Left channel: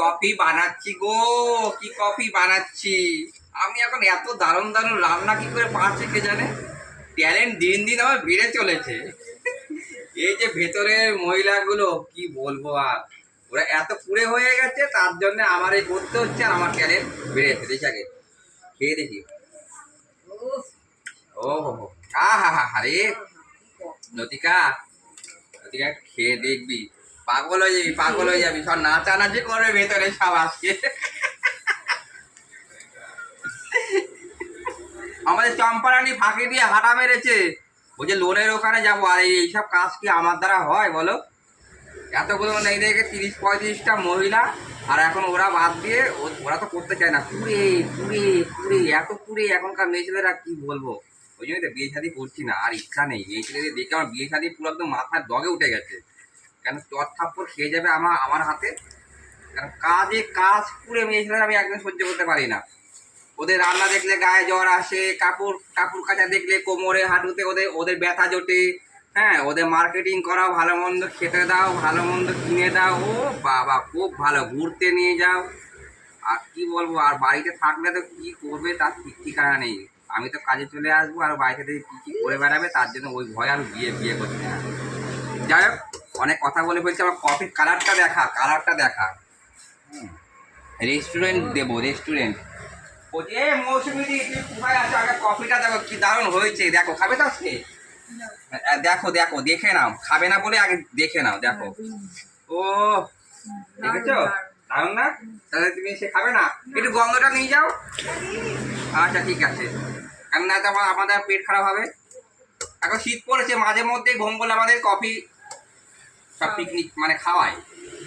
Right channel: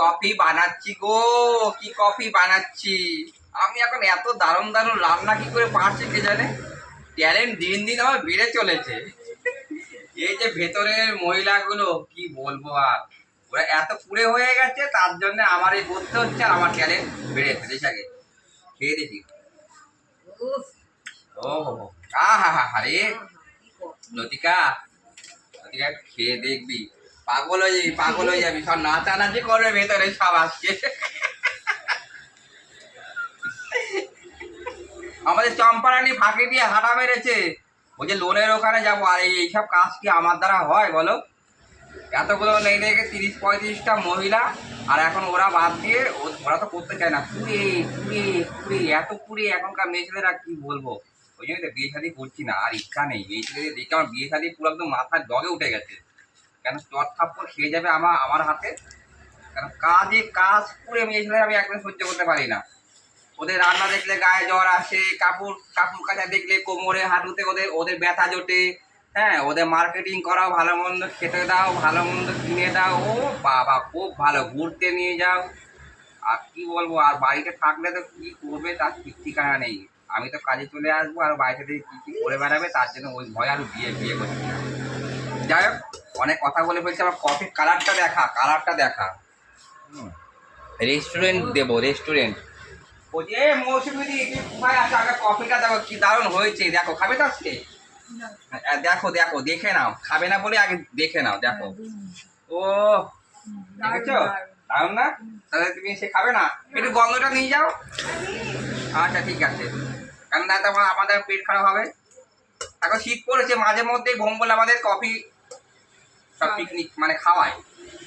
Coffee বানাচ্ছি গো কি coffee বানাচ্ছি? আমি এখন এত দারুণ দারুণ রান্না কি করে পারছি কে জানে? ট্যালেন্ট দিন দিন আমার বেড়ে চলেছে। এই যে ভেতরের মহিলাগুলো কি বলব আর? ওরা এত কুড়ে হয়ে গেছে তার জন্য আমার এই করতে হচ্ছে আর আমার ট্যালেন্ট বেড়েছে দেখি আগে খেয়ে দেখি। ও হো হো। আহা হা হা রে। কি কফি। লতিকা লতিকা খেয়ে দেখবি। পাগল হয়ে যাবি, পাগল হয়ে যাবি। সব নাচানাচি করবে, ভেতরে সব আজকে আমাদের চম্পারানি ফাঁকি দিয়ে হাঁটা মেরেছে। ওই যে লোনের ওখানে যাব, আর এই- এইসব কাজ কি আমার দ্বারা হয়, বলো? এতগুলো নেই দেখে তিরিশ পঁয়ত্রিশটা মহিলা, আর এখন ওরা বাদ দিয়ে ওরা তো করতে চায় না। পুড়ে পুড়ে পুড়ে, এত পুড়ে এখনকার মেয়ে ছেলেরা কি বলব? ওই জন্যই তো বিয়ে শাদি করছি না, আর ইচ্ছা নেই। এই ছেলেদের দেখে আমার বিয়ে শাদি পুরো একদম মাথায় দগে উঠে গেছে। কেন চট থাপ্পড় খেয়ে যাবে আমার আমার হাতে? কেন কাজে কাজ পুড়ে মেয়ে ছেলেরা আমি একদম সহ্য করতে পারি না। ওদের রান্না দেখলে গায়ে জ্বর আসে, কাপড় কাপড় কাচা দেখলে কোমরে হাঁটুতে ওদের ওদের ব্যথা জোটে। হ্যাঁ ওদের মার্কেটিং করাও ভালো মন্দ, খেতে দাও, ভালো মন্দ কিনে দাও। ও বাবা, খুব ভালো, ঘুরতে নিয়ে যাও। আর কি বলব, আর বাড়িতে থাকলে তো কি করবে, তার ঠিক ঠিকানা নেই। আমি তো কাজে চলে আসব, আর বাড়িতে থেকে কি কি করে বেড়াবে, তার জন্য ওই ভয় আর বিয়ে বিয়ে করছি না। যাই হোক। অনেক কথা বলে বলছে আমার কফির কালারটা দেখা কালারটা দেখা। রেস্টুরেন্ট দেবো রেস্টুরেন্ট ও যে মৌসুমি কোথায় আছো? আগে কফিটা দেখো, কি দারুণ হয়েছে। দেখো, খাবে তো আজকে? দেখো দেখো, দেখে নাও। খাবে না বলে আগে দেখে নাও, দেখো। ও, দেখেছ? দারুণ না? তাহলে তুমি সে খাবে না? একটু গন্ধটা নিয়ে যাও। আচ্ছা ঠিক আছে। কারণ না তো আমাদের পেট খারাপ হবে। এখন শীত পড়েছে, মাঝে মধ্যেই বলে আমাদের কফি সব পিকনিক মানে খাওয়ায়।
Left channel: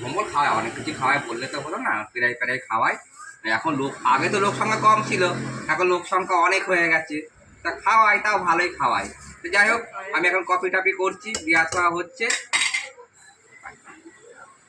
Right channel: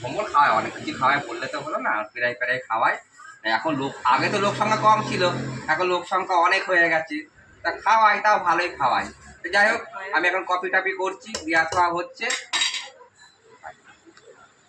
কম্বল খাওয়ায় অনেক কিছু খাওয়ায় বললে তো হলো না পেরাই পেরাই খাওয়ায়। এখন লোক আগে তো লোক সংখ্যা কম ছিল এখন লোক সংখ্যা অনেক হয়ে গেছে। তা খাওয়াই তাও ভালোই খাওয়াই তো যাই হোক আমি এখন কপি টপি করছি দিয়ে খাওয়া হচ্ছে।